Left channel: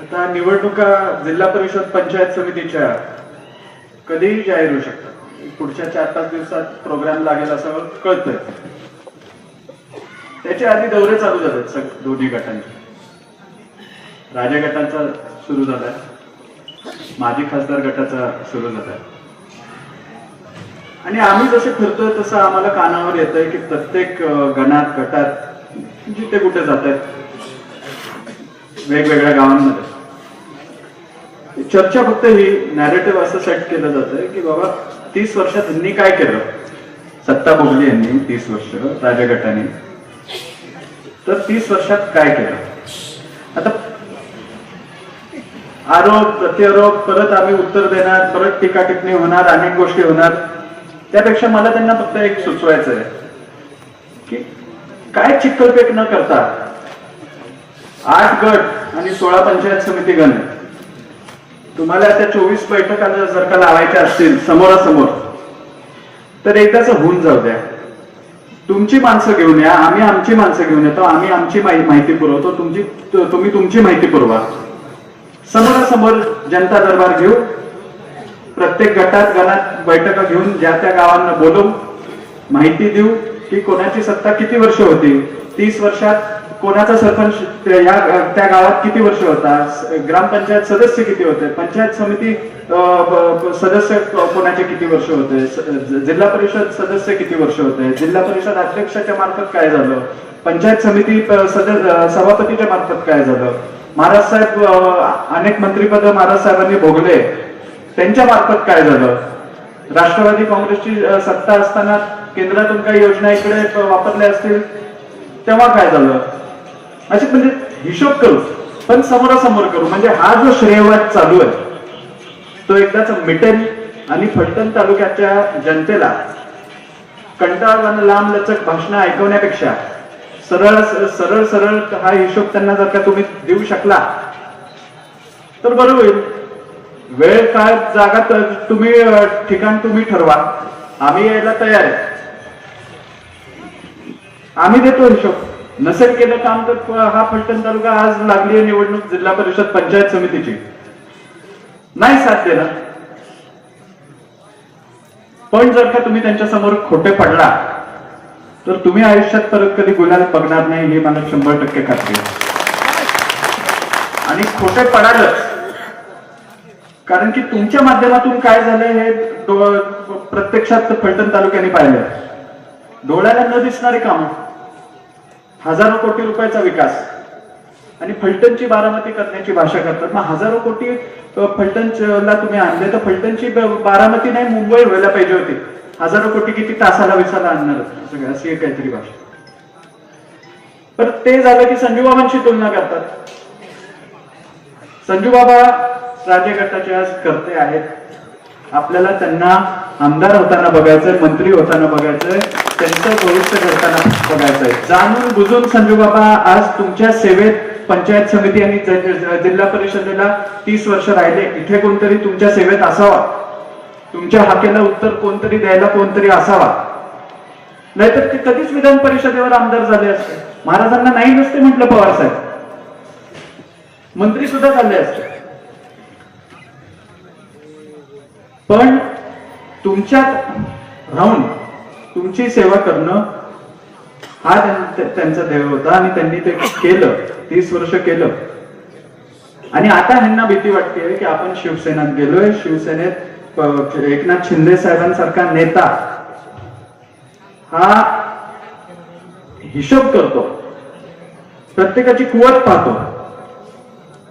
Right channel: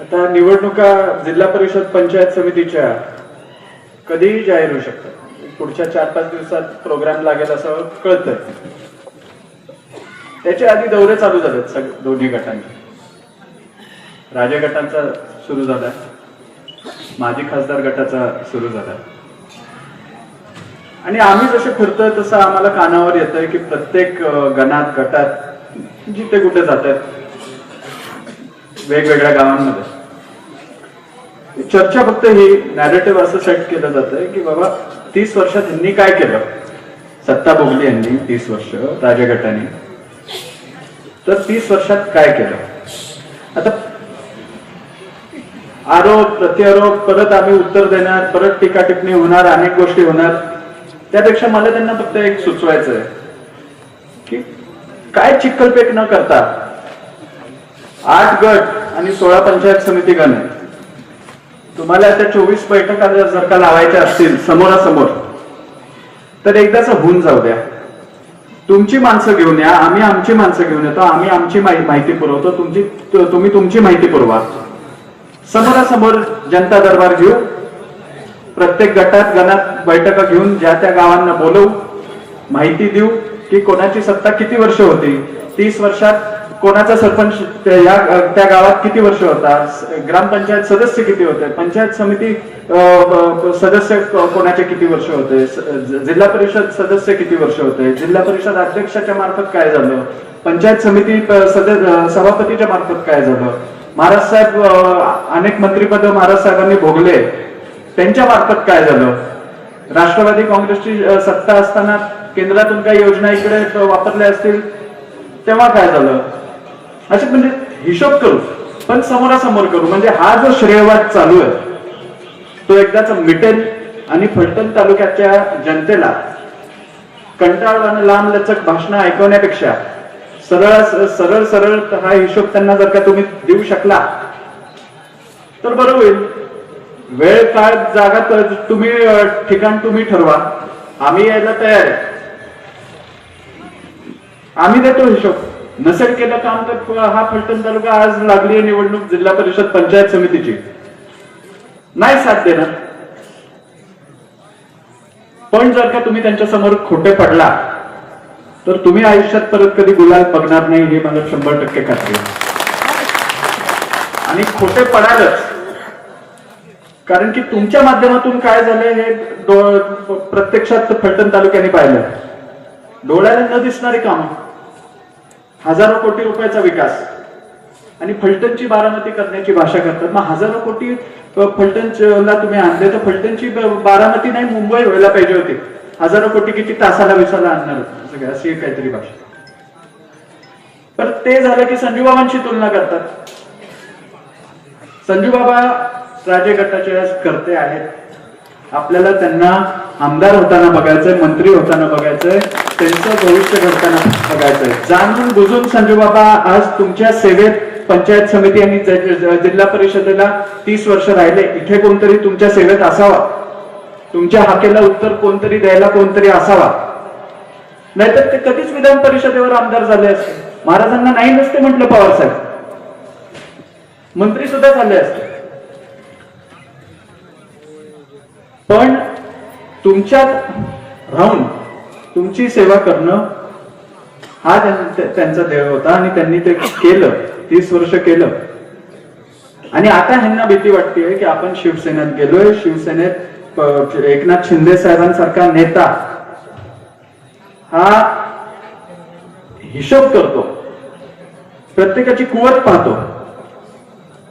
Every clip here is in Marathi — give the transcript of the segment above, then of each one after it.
आता निवडणुका जिल्हा परिषद पंचायत समितीच्या कधीही जाहीर होऊ शकतात. पुढच्या 4-5 दिवसात प्रोग्राम लागेल असं कळतंय. त्याच्या आधी दौरे चालू झालेत दोन्ही गटांचे. राजे गटांचा सुरू झालाय, माजी खासदार गटाचा सुरू झालाय. आणि आम्ही जसे फिरतोय तसं आम्हाला कानावर येतंय की प्रत्येक गणात गटात जिथे कुठे जातात वेगवेगळ्या गावांमध्ये चर्चा फक्त ही नॅरेटिव्ह असं सेट केलं जातंय की बाबा 30 वर्षात यांनी काय केलं, सत्ता भोगली यांनी 30 वर्ष राजगटाने, तर 30 वर्षात काय केलं. आता आरोप प्रत्यारोप परत आम्ही उत्तर देणार, परत टीका टिप्पणी होणार, अनेक गोष्टी होणार. त्यापेक्षा मला त्यांना फक्त एक सुचवायचं आहे की काय चिखलफेक न करता 8 गट आणि 16 पंचायत समिती गण आहे. तुम्हाला त्या 24 बैठका जर का लावायच्या असतील समोरासमोर तर एकदाच होऊन जाऊ द्या. तुमची माणसं घेऊन या, आम्ही आमची माणसं घेऊन येतो, आम्ही आमची माहिती पुरवतो, तुम्ही तुमची माहिती पुरवा. समोरासमोर जनता दरबार घेऊ, प्रत्येक गणात बैठका घेऊन ज्या त्या गावांना बोलवू, माहिती देऊ की कोणाची सत्ता किती वर्ष होती, 30 वर्षात कोणाचा सरपंच त्या गावात किती वर्ष होता, ग्रामपंचायत सदस्य किती होते, पंचायत समिती सदस्य कोणाचे किती वर्ष होते, जिल्हा परिषद सदस्य किती वर्ष होते, जिल्हा परिषद अध्यक्षाच्या मार्फत काय झालं, पंचायत समिती सभापतीच्या मार्फत काय झालं, महाराज साहेब अनेक मंत्रीपद महाराज साहेबांनी भोगले त्यांच्या मार्फत काय झालं, राष्ट्रवादी काँग्रेसची सत्ता असताना केंद्रातून काही योजना इकडे वापरल्या असतील तेव्हा काय झालं, असे म्हणजे हिशोब करू, पण समोरासमोर करू. म्हणजे हा जो श्रेयवाद चालू आहे तो एकदाच मिटेल आणि फलटण तालुक्याच्या जनतेला कंटाळवाणं लांब लचक भाषणं ऐकवण्यापेक्षा सरळ सरळ हा हिशोब त्यांना जर का तुम्ही देऊ शकला तर बरं होईल. वेळ काळ जागा तुम्ही ठिकाण तुम्ही ठरवा, आम्ही यायला तयार आहे, आम्ही देतो हिशोब. नसेल केलं काम तर हा फलटण तालुका आज लागली आहे निवडणूक जिल्हा परिषद पंचायत समितीची, नाही साथ देणार. पण जर का तुम्ही त्यांच्या समोर खोटे पडला तर तुम्ही आयुष्यात परत कधी गुलाल बघणार नाही, हे मला 100% खात्री आहे. आणि खोटे पडालच, कारण की तुमच्या माध्यमातून काय झाले हे प्रत्यक्षात फलटण तालुक्याने पाहिलं. डोळ्याला न दिसणारी कामं, हजारो कोटी रुपयाचा विकास, आणि फलटणची बारामती करण्याची भाषा करतात. मग हजारो कोटी फलटणला तुम्ही आणले तर फलटणची बारामती नाही मुंबई व्हायला पाहिजे होती. हजारो कोटी किती तासाला विसाला आणणार सगळं, अशी काहीतरी भाषा. तर ते झालं की संजूबाबांची तुलना करतात. संजूबाबा राजे गटाचे आज करते आहेत. आपल्याला त्यांना आमदार होताना बघायचंय, मंत्री होताना बघायचंय, त्यांचं भविष्य घडताना बघायचंय. जाणून बुजून संजूबाबा आज तुमच्या सेवेत पंचायत समिती आणि जिल्हा परिषदेला 30 वर्ष राहिले. इथे कोणतरी तुमच्या सेवेत असावा, तुमच्या हाकेला उत्तर कोणतरी द्यायला कोणतरी असावा, नाहीतर ते कधीच विधान परिषदेवर आमदार झाले असते. महाराजांना नाही नसते म्हटलं पवार साहेब, मंत्री सुद्धा झाले असते. पण तुमच्यात राहून तुमची सेवा करणं हा त्यांचा देव होता आणि त्यांनी ते केलं, 30 वर्ष केलं. आणि आता ह्यांना भीती वाटते की आपण शिवसेनेत गेलोय, शिवसेनेत एकनाथ शिंदे साहेबांसारखा नेता हा हिशोब करतो, प्रत्येकाची कुवत पाहतो.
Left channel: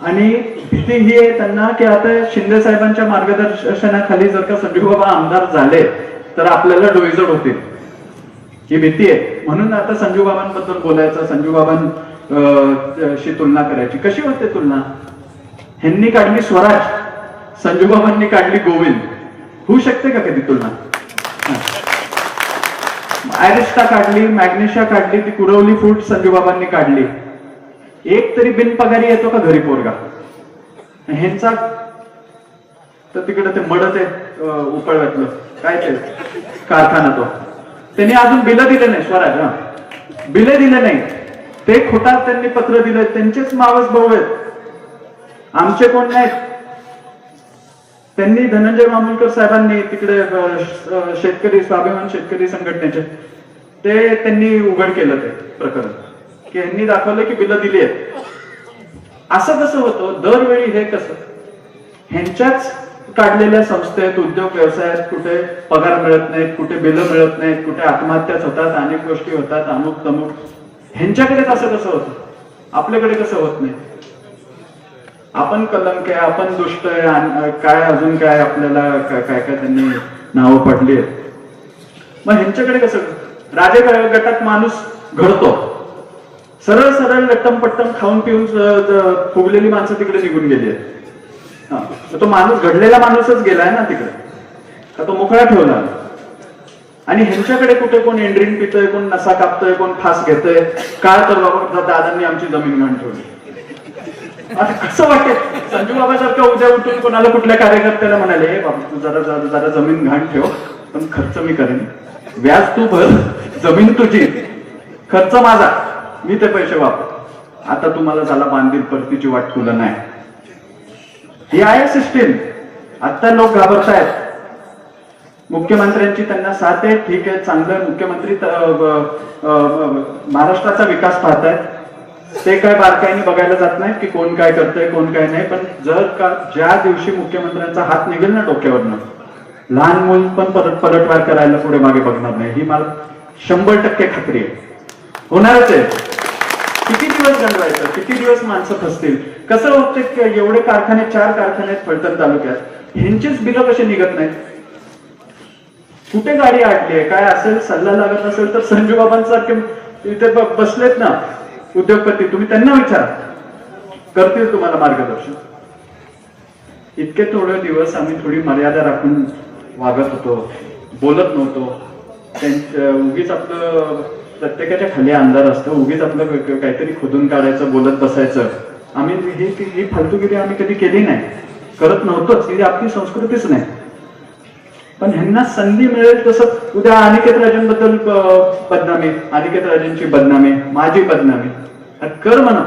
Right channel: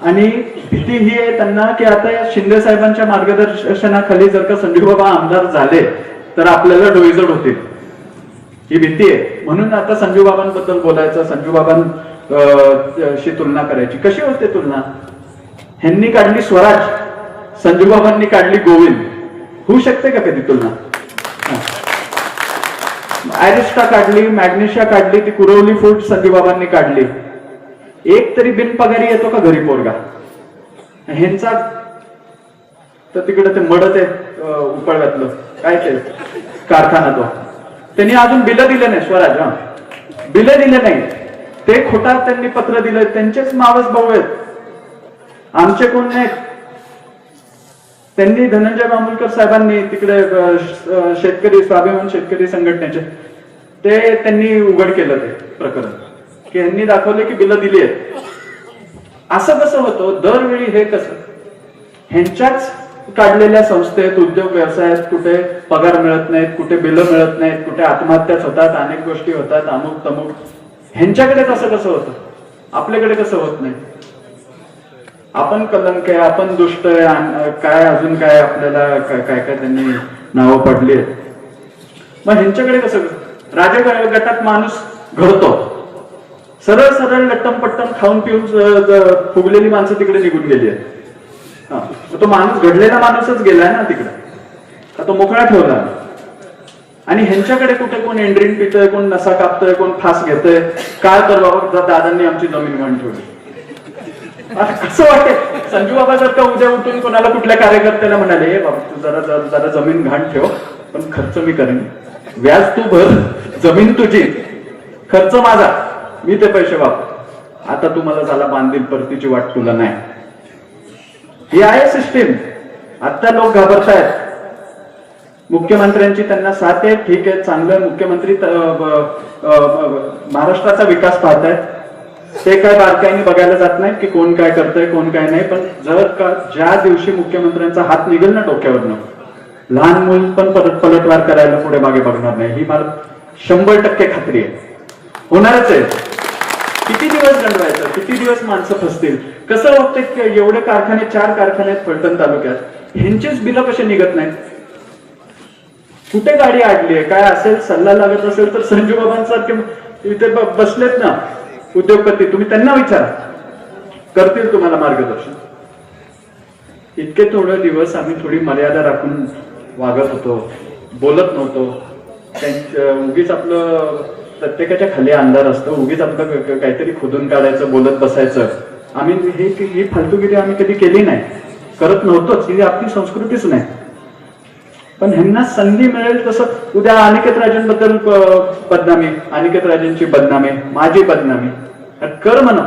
आणि भीती ही आहे त्यांना की आता शिंदे साहेबांच्या मार्गदर्शनाखाली जर का संजूबाबा आमदार झाले तर आपल्याला डोईजड होतील, ही भीती आहे. म्हणून आता संजूबाबांबद्दल बोलायचं, संजूबाबांशी तुलना करायची. कशी होते तुलना? ह्यांनी काढली स्वराज, संजूबाबांनी काढली गोविंद. होऊ शकते का कधी तुलना? ऍरिस्टा काढली, मॅग्नेशिया काढली, ती कुरवली फूट संजूबाबांनी काढली. एक तरी बिनपगारी येतो का घरी पोरगा? ह्यांचा तर तिकडे ते मडत आहे उपळव्यातलं काय ते कारखाना, तो त्यांनी अजून बिलं दिले नाही. स्वराज बिलं दिले नाही, ते खोटात त्यांनी पत्र दिलं. त्यांचेच मावस भाऊ आहेत. आमचे कोण नाहीत. त्यांनी धनंजय मामुलकर साहेबांनी तिकडे शेतकरी स्वाभिमान शेतकरी संघटनेचे ते त्यांनी उघड केलं ते प्रकरण की यांनी दाखवलं की बिलं दिली आहेत. असं कसं होतं दरवेळी? हे कसं ह्यांच्याच काढलेल्या संस्थेत उद्योग व्यवसायात कुठे पगार मिळत नाहीत, कुठे बिलं मिळत नाहीत, कुठे आत्महत्याच होतात, अनेक गोष्टी होतात, अमुक तमुक. ह्यांच्याकडे कसं होतं, आपल्याकडे कसं होत नाही? आपण कलंक आहे, आपण दुष्ट आहे, काय अजून काय आपल्याला काय काय त्यांनी नावं पडली आहेत. मग ह्यांच्याकडे कसं? राजे गटात माणूस घडतो, सरळ सरळ लट्टम पट्टम खाऊन पिऊन फुगलेली माणसं तिकडे निघून गेली आहेत. तो माणूस घडलेला माणूसच गेलाय ना तिकडे, का तो मोकळा ठेवला. आणि ह्यांच्याकडे कुठे कोण एंड्रिन पितोय, कोण नसा कापतोय, कोण फास घेतोय. काय तर दादांनी आमची जमीन घाण ठेवली. कसं वाटेल? संजू बाबा सारखं उद्या उठून कोणाला कुठल्या कार्यकर्त्याला म्हणाले, हे बाबा तू जरा जरा जमीन घाण ठेव, पण खर्च मी करेन, व्याज तू भर, जमीन तुझी, खर्च माझा, मी ते पैसे वापर. आता तुम्हाला झाला बांधील, परतीची वाट तुला नाही. ही आहे सिस्टीम. आता लोक घाबरतायत. मुख्यमंत्र्यांची त्यांना साथ आहे, ठीक आहे, चांगलं. मुख्यमंत्री महाराष्ट्राचा विकास पाहतायत, ते काय बारकाईने बघायला जात नाही की कोण काय करतंय कोण काय नाही. पण जर का ज्या दिवशी मुख्यमंत्र्यांचा हात निघेल ना डोक्यावरनं, लहान मूल पण परत पलटवार करायला पुढे मागे बघणार नाही. ही मला 100% खात्री आहे. होणारच आहे. किती दिवस गंडवायचं, किती दिवस माणसं फसतील. कसं होतं की एवढे कारखाने, 4 कारखाने आहेत फलटण तालुक्यात, ह्यांचीच बिलं कसे निघत नाहीत? कुठे गाडी अडली आहे, काय असेल, सल्ला लागत असेल तर संजू बाबांसारखे इथे बसलेत ना उद्योगपती, तुम्ही त्यांना विचारा, करतील तुम्हाला मार्गदर्शन. इतके थोडे दिवस आम्ही थोडी मर्यादा राखून वागत होतो, बोलत नव्हतो. उगीच आपलं प्रत्येकाच्या खाली अंधार असतो, उगीच आपलं काहीतरी खोदून काढायचं, बोलत बसायचं. आम्ही ही फालतूगिरी आम्ही कधी केली नाही, करत नव्हतोच. ही आपली संस्कृतीच नाही. पण ह्यांना संधी मिळेल तसं उद्या अनिकेत राजेंबद्दल बदनामी, अनिकेत राजेंची बदनामी, माझी बदनामी कर म्हणा.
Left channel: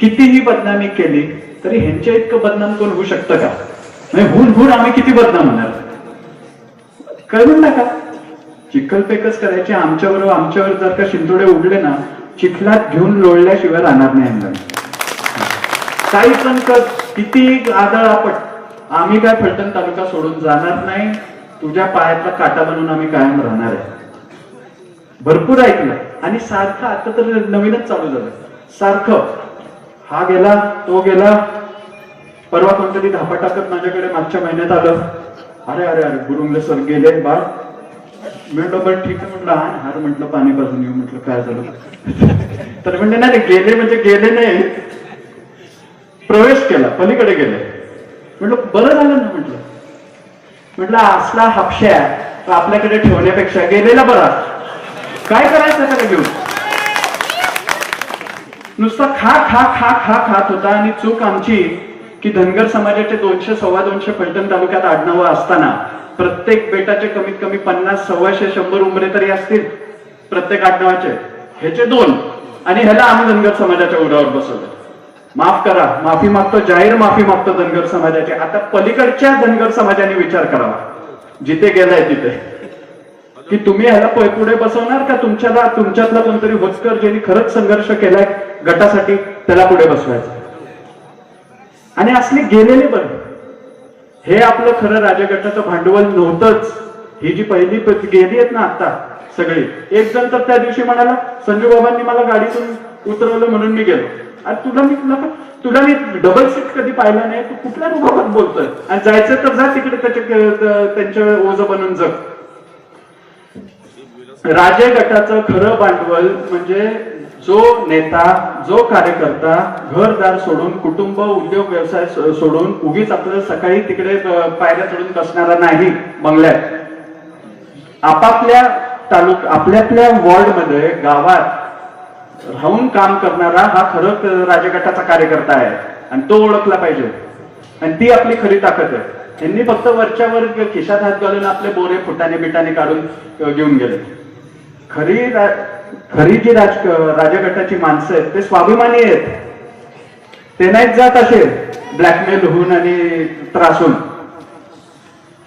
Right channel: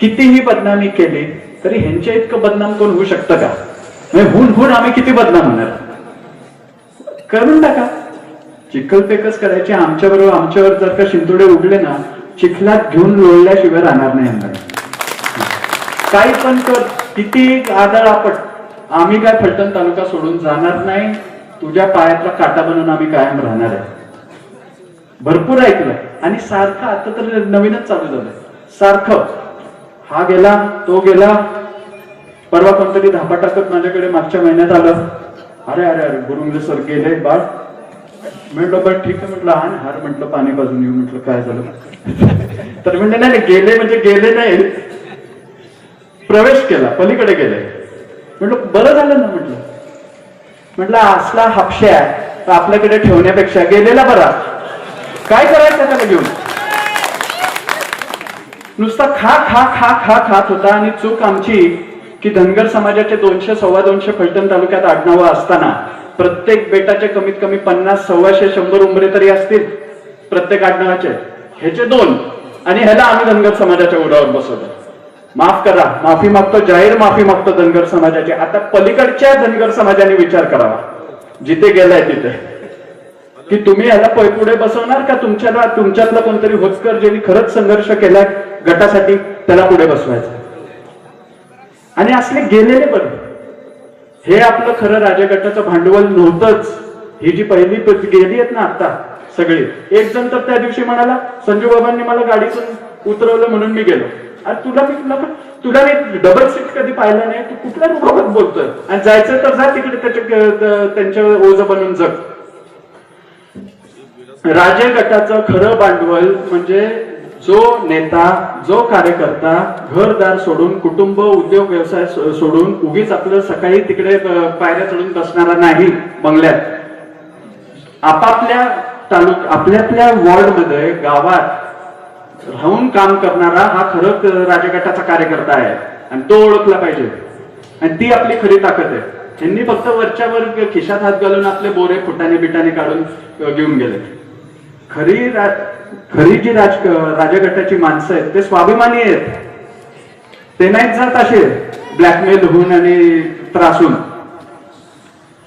कितीही बदनामी केली तरी ह्यांच्या इतकं बदनाम कोण होऊ शकतं का? हुन आम्ही किती बदनाम होणार? करून टाका. चिखलपेकच करायची. आमच्यावर जर का शिंतोडे उगले ना, चिखलात घेऊन लोळल्याशिवाय राहणार नाही आम्हाला. काही पण कर, किती आदळ आपट, आम्ही काय फलटण तालुका सोडून जाणार नाही. तुझ्या पायातला काटा बनून आम्ही कायम राहणार आहे. भरपूर ऐकलं. आणि सारखं आता तर नवीनच चालू झालं, सारखं हा गेला तो गेला. परवा कोणतरी धापा टाकत माझ्याकडे मागच्या महिन्यात आलं, अरे अरे अरे गुरुंगले सर गेले बाळ. म्हटलं बरं ठीक आहे, म्हटलं हा हार, म्हटलं पाणी पाजून येऊ. म्हटलं काय झालं? तर म्हणले नाही गेले म्हणजे गेले नाही, प्रवेश केला, पलीकडे गेले. म्हटलं बरं झालं ना. म्हटलं असला हापश्या आपल्याकडे ठेवण्यापेक्षा गेलेला बरा. काय करायचं त्याला घेऊन? नुसता खा खा खा खा खात होता. आणि चूक आमची की धनगर समाजाचे 200 250 फलटण तालुक्यात आडनावं असताना प्रत्येक बेटाचे कमीत कमी 50 125 100 उंबरे तरी असतील प्रत्येक आडनावाचे. ह्याचे 2 आणि ह्याला आम्ही धनगर समाजाच्या उरावर बसवलं. माफ करा, माफी मागतो, जाहीर माफी मागतो धनगर समाजाची. आता पलीकडच्या धनगर समाजाने विचार करावा जिथे गेलाय तिथे, की तुम्ही ह्याला पुढे बसवणार का तुमच्यातला कोणतरी होचकर ज्यांनी खरंच संघर्ष केलाय गटासाठी त्याला पुढे बसवायचं. आणि असले गेलेले बरं. हे आपलं खरं राजगटाचं भांडवल नव्हतंच. ही जी पहिली गेली आहेत ना आता सगळी, एक जण तर त्या दिवशी म्हणाला, संजू बाबांनी मला गाडीतून उतरवलं म्हणून मी गेलो. अरे तुला मी डबल सीट कधी पाहिलं नाही, तू कुठल्या मुखात बोलतोय? आणि जायचं तर जा तिकडे, त्यांच्या ओझ बनून जग. राजे गटाचं खरं भांडवल म्हणजे जो नेता, जो कार्यकर्ता घरदार सोडून, कुटुंब उद्योग व्यवसाय सोडून उगीच आपलं सकाळी तिकडे पायऱ्या चढून बसणारा नाही बंगल्यात. आपल्यातल्या वॉर्डमध्ये, गावात राहून काम करणारा हा खरं राजगटाचा कार्यकर्ता आहे. आणि तो ओळखला पाहिजे. आणि ती आपली खरी ताकद आहे. त्यांनी फक्त वरच्या वर खिशात हात घालून आपले बोरे फुटाने बिटाने काढून घेऊन गेले. खरी जी राजगटाची माणसं आहेत ते स्वाभिमानी आहेत. ते नाहीत जात असे ब्लॅकमेल होऊन आणि त्रासून.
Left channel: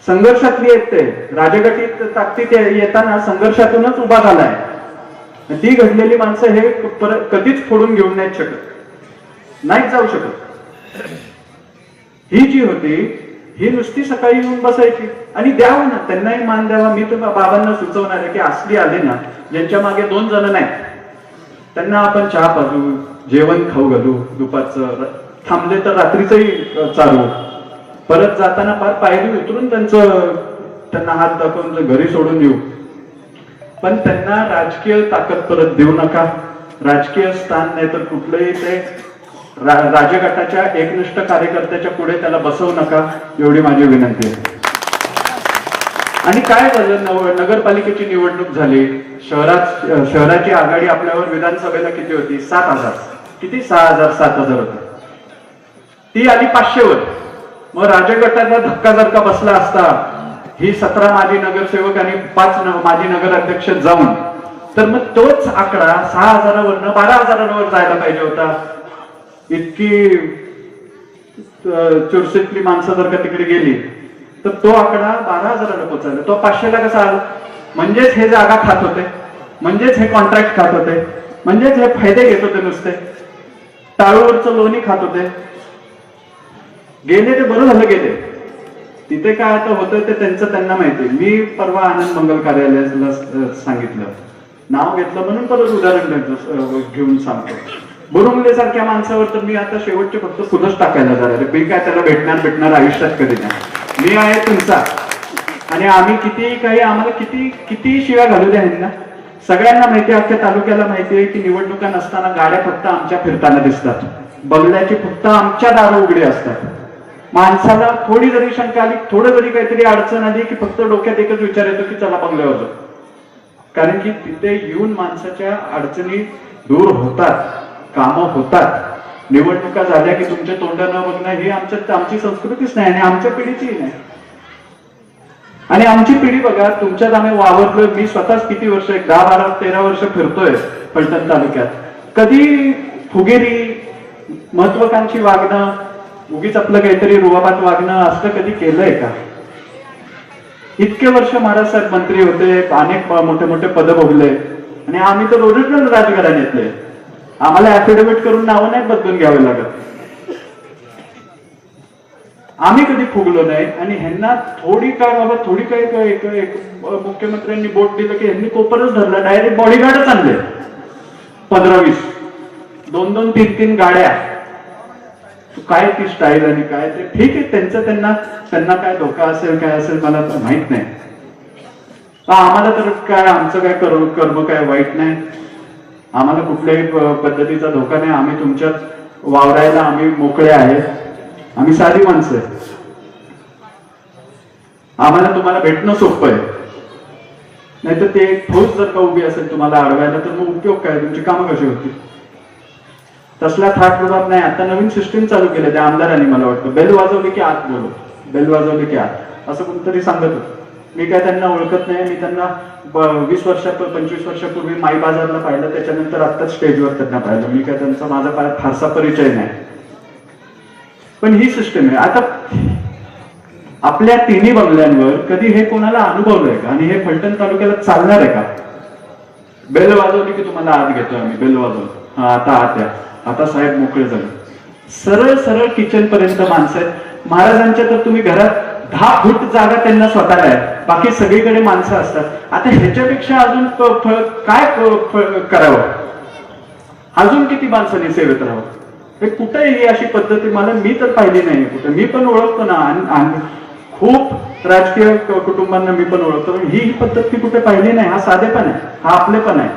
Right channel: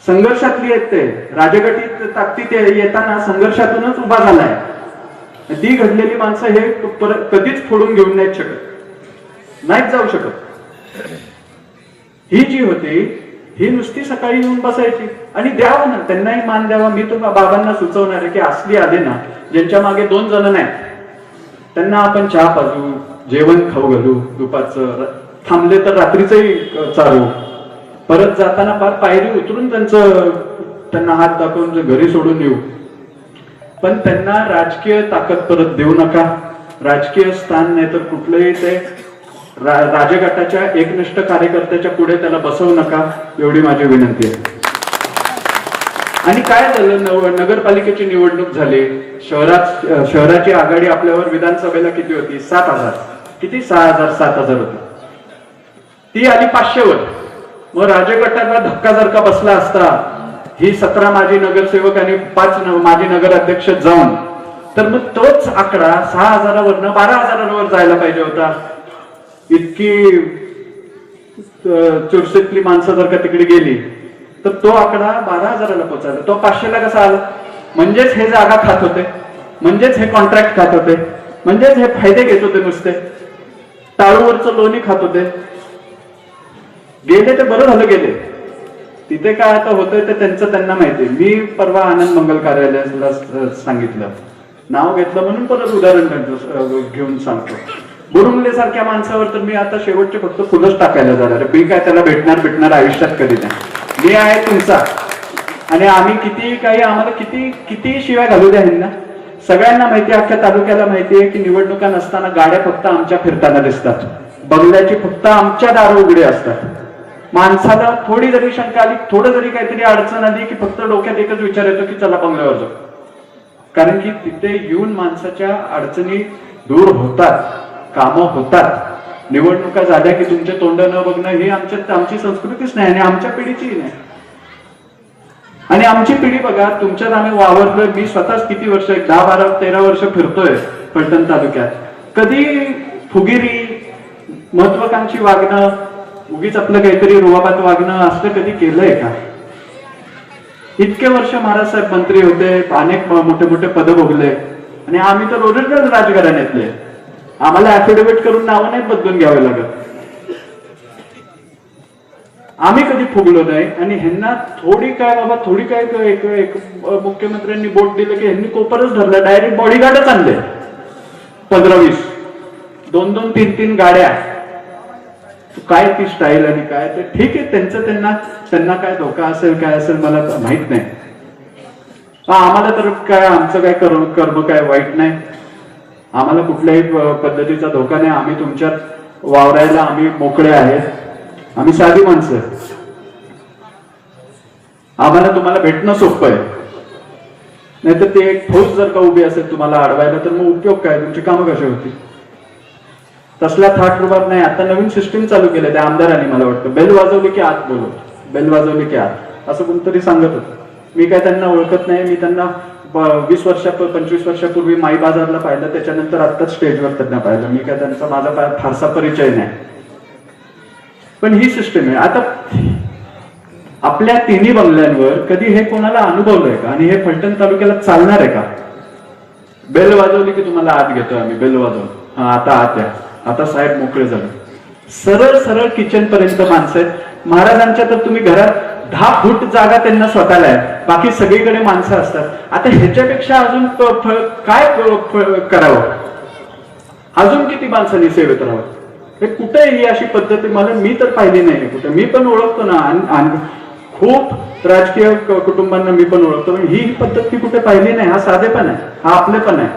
संघर्षातली आहेत ते, राजगटीत ताकदीत येताना संघर्षातूनच उभा झालाय. ती घडलेली माणसं हे कधीच फोडून घेऊन नाहीत शकत, नाहीच जाऊ शकत. ही जी होती ही नुसती सकाळी येऊन बसायची आणि द्यावं ना, त्यांनाही मान द्यावा. मी तर बाबांना सुचवणार आहे की असली आले ना ज्यांच्या मागे 2 जण नाहीत त्यांना आपण चहा पाजू, जेवण खाऊ घालू, दुपारचं थांबले तर रात्रीचंही चालू, परत जाताना पायरी उतरून त्यांना हात दाखवून घरी सोडून येऊ. पण त्यांना राजकीय ताकद परत देऊ नका, राजकीय स्थान नाही तर कुठलंही ते राजगटाच्या एकनिष्ठ कार्यकर्त्याच्या पुढे त्याला बसवू नका, एवढी माझी विनंती आहे. आणि काय झालं, नगरपालिकेची निवडणूक झाली, शहराची आघाडी आपल्यावर विधानसभेला किती होती? 7,000. किती? 6,000 7,000 होती. ती आली 500 वर. मग राजगटाला धक्का जर का बसला असता, ही 17 माजी नगरसेवक आणि 5 माजी नगराध्यक्ष जाऊन, तर मग तोच आकडा 6,000 वरनं 12,000 जायला पाहिजे होता. इतकी चुरशीतली माणसं जर का तिकडे गेली तर तो आकडा 12,000 पोहोचायला, तो 500 कसा आला? म्हणजेच हे जागा खात होते, म्हणजेच हे कॉन्ट्रॅक्ट खात होते, म्हणजेच हे फायदे घेत होते, नुसते टाळूवरचं लोणी खात होते. गेले ते बरं झालं गेले. तिथे काय आता होतंय ते त्यांना माहिती. मी परवा आनंद मंगल कार्यालयाला सांगितलं, नाव घेतलं म्हणून परत उदाहरण घेऊन सांगतो. बुरुंगले सारख्या माणसावर तर मी आता शेवटचे फक्त फुलंच टाकायला जाणार. मी काय त्याला भेटणार आयुष्यात कधी नाही. मी आहे तुमचा आणि आम्ही किती काही आम्हाला किती शिव्या घालू द्या ह्यांना. सगळ्यांना माहिती आहे, अख्ख्या तालुक्याला माहिती आहे की निवडणुका नसताना गाड्या फक्त आमच्या फिरताना दिसतात, बंगल्याची फक्त आमच्या दारू उघडे असतात. माणसाला थोडी जरी शंका आली, थोडं जरी काहीतरी अडचण आली की फक्त डोक्यात एकच विचार येतो की चला बंगल्यावर जाऊ. कारण की तिथे येऊन माणसाच्या अडचणी दूर होतात, कामं होतात. निवडणुका झाल्या की तुमच्या तोंड न बघणं ही आमची संस्कृतीच नाही आणि आमच्या पिढीचीही नाही. आणि आमची पिढी बघा, तुमच्यात आम्ही वावरलोय. मी स्वतःच किती वर्ष, 10, 12, 13 वर्ष फिरतोय फलटण तालुक्यात. कधी फुगेरी, महत्वाकांक्षी वागणं, उगीच आपलं काहीतरी रुबाबात वागणं असं कधी केलंय का? इतके वर्ष महाराज साहेब मंत्री होते, अनेक मोठे मोठे पद भोगले आणि आम्ही तर ओरिजिनल राजघराण्यातले. आम्हाला ऍफिडेव्हिट करून नावं नाही बदलून घ्यावे लागत. आम्ही कधी फुगलो नाही. आणि ह्यांना थोडी काय एक मुख्यमंत्र्यांनी बोट दिलं की ह्यांनी कोपरच धरलं, डायरेक्ट बॉडीगार्डच आणले 15-20, 2-2, 3-3 गाड्या. काय ती स्टाईल आणि काय ते ठीक आहे, त्यांना काय धोका असेल काय असेल मला माहित नाही. आम्हाला तर काय, आमचं काय कर्म काय वाईट नाही, आम्हाला कुठल्याही पद्धतीचा धोका नाही. आम्ही तुमच्यात वावरायला आम्ही मोकळे आहेत. आम्ही साधी माणसं, आम्हाला तुम्हाला भेटणं सोपं आहे. नाहीतर ते फौज जर का उभी असेल तुम्हाला अडवायला तर मग उपयोग काय, तुमची कामं कशी होती? तसला थाट रुबाब नाही. आता नवीन सिस्टीम चालू केलं त्या आमदारांनी, मला वाटतं बेल वाजवली की आत बोलू, बेल वाजवली की आत, असं कोणतरी सांगत होतं. मी काय त्यांना ओळखत नाही. मी त्यांना 20 वर्षात 25 वर्षापूर्वी माई बाजारला पाहिलं, त्याच्यानंतर आत्ताच स्टेजवर त्यांना पाहिलं. मी काय त्यांचा माझा फारसा परिचय नाही. पण ही सिस्टीम आहे. आता आपल्या तिन्ही बंगल्यांवर कधी हे कोणाला अनुभवलंय का? आणि हे फलटण तालुक्याला चालणार आहे का? बेल वाजवली की तुम्हाला आत घेतोय आम्ही, बेल वाजवून, हा आता आत या, आता साहेब मोकळे झाले. सरळ सरळ किचन पर्यंत माणसं आहेत. महाराजांच्या तर तुम्ही घरात 10 फूट जागा त्यांना स्वतःला आहे, बाकी सगळीकडे माणसं असतात. आता ह्याच्यापेक्षा अजून काय करावं? अजून किती माणसांनी सेवेत राहावं? हे कुठे ही अशी पद्धती मी तर पाहिली नाही कुठे. मी पण ओळखतो ना, खूप राजकीय कुटुंबांना मी पण ओळखतो, पण ही पद्धत मी कुठे पाहिली नाही. हा साधेपण आहे, हा आपलेपण आहे.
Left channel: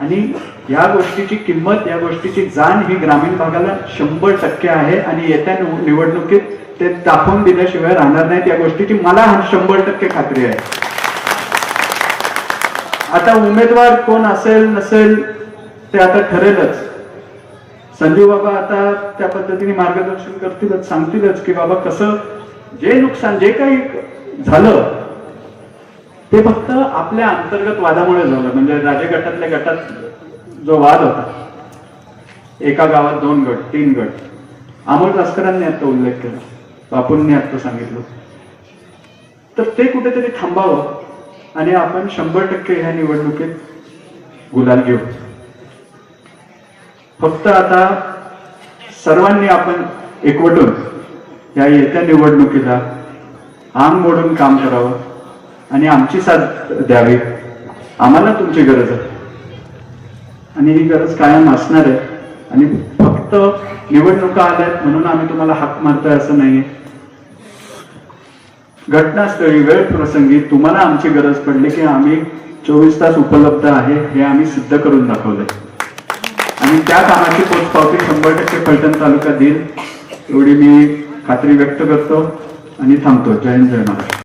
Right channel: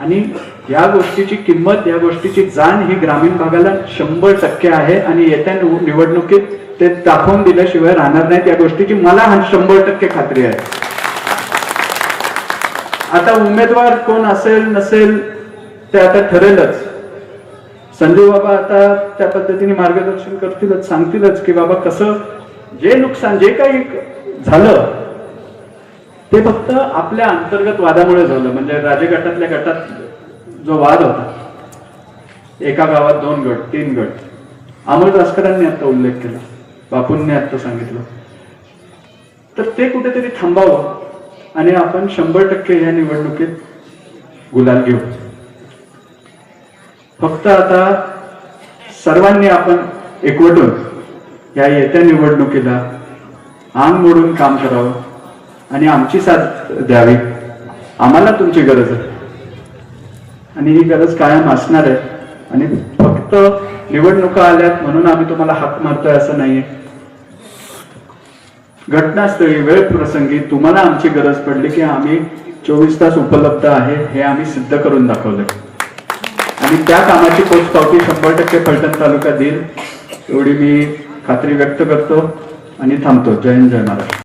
आणि या गोष्टीची किंमत, या गोष्टीची जाण ही ग्रामीण भागाला 100% आहे. आणि येत्या निवडणुकीत ते दाखवून दिल्याशिवाय राहणार नाहीत. या गोष्टीची मला 100% खात्री आहे. आता उमेदवार कोण असेल नसेल ते आता ठरेलच. संजू बाबा आता त्या पद्धतीने मार्गदर्शन करतीलच, सांगतीलच की बाबा कसं, जे नुकसान जे काही झालं ते फक्त आपल्या अंतर्गत वादामुळे झालं. म्हणजे राजगटातल्या गटात जो वाद होता, एका गावात 2 गट 3 गट, अमोल रासकरांनी आता उल्लेख केला, बापूंनी आता सांगितलं, तर ते कुठेतरी थांबावं आणि आपण 100% ह्या निवडणुकीत गुलाल घेऊ. फक्त आता सर्वांनी आपण एकवटून या येत्या निवडणुकीला आंग मोडून काम करावं आणि आमची साथ द्यावी. आम्हाला तुमची गरज आहे आणि ही गरज कायम असणार आहे. आणि फक्त निवडणुका आल्यात म्हणून आम्ही तुम्हाला हाक मारतोय असं नाहीये. घटनास्थळी वेळ प्रसंगी तुम्हाला आमची गरज पडली की आम्ही 24 तास उपलब्ध आहे हे आम्ही सिद्ध करून दाखवलंय. आणि त्या कामाची पोचपावती 100% फलटण तालुका देईल एवढी मी खात्री व्यक्त करतो आणि थांबतो. जय हिंद, जय महाराष्ट्र.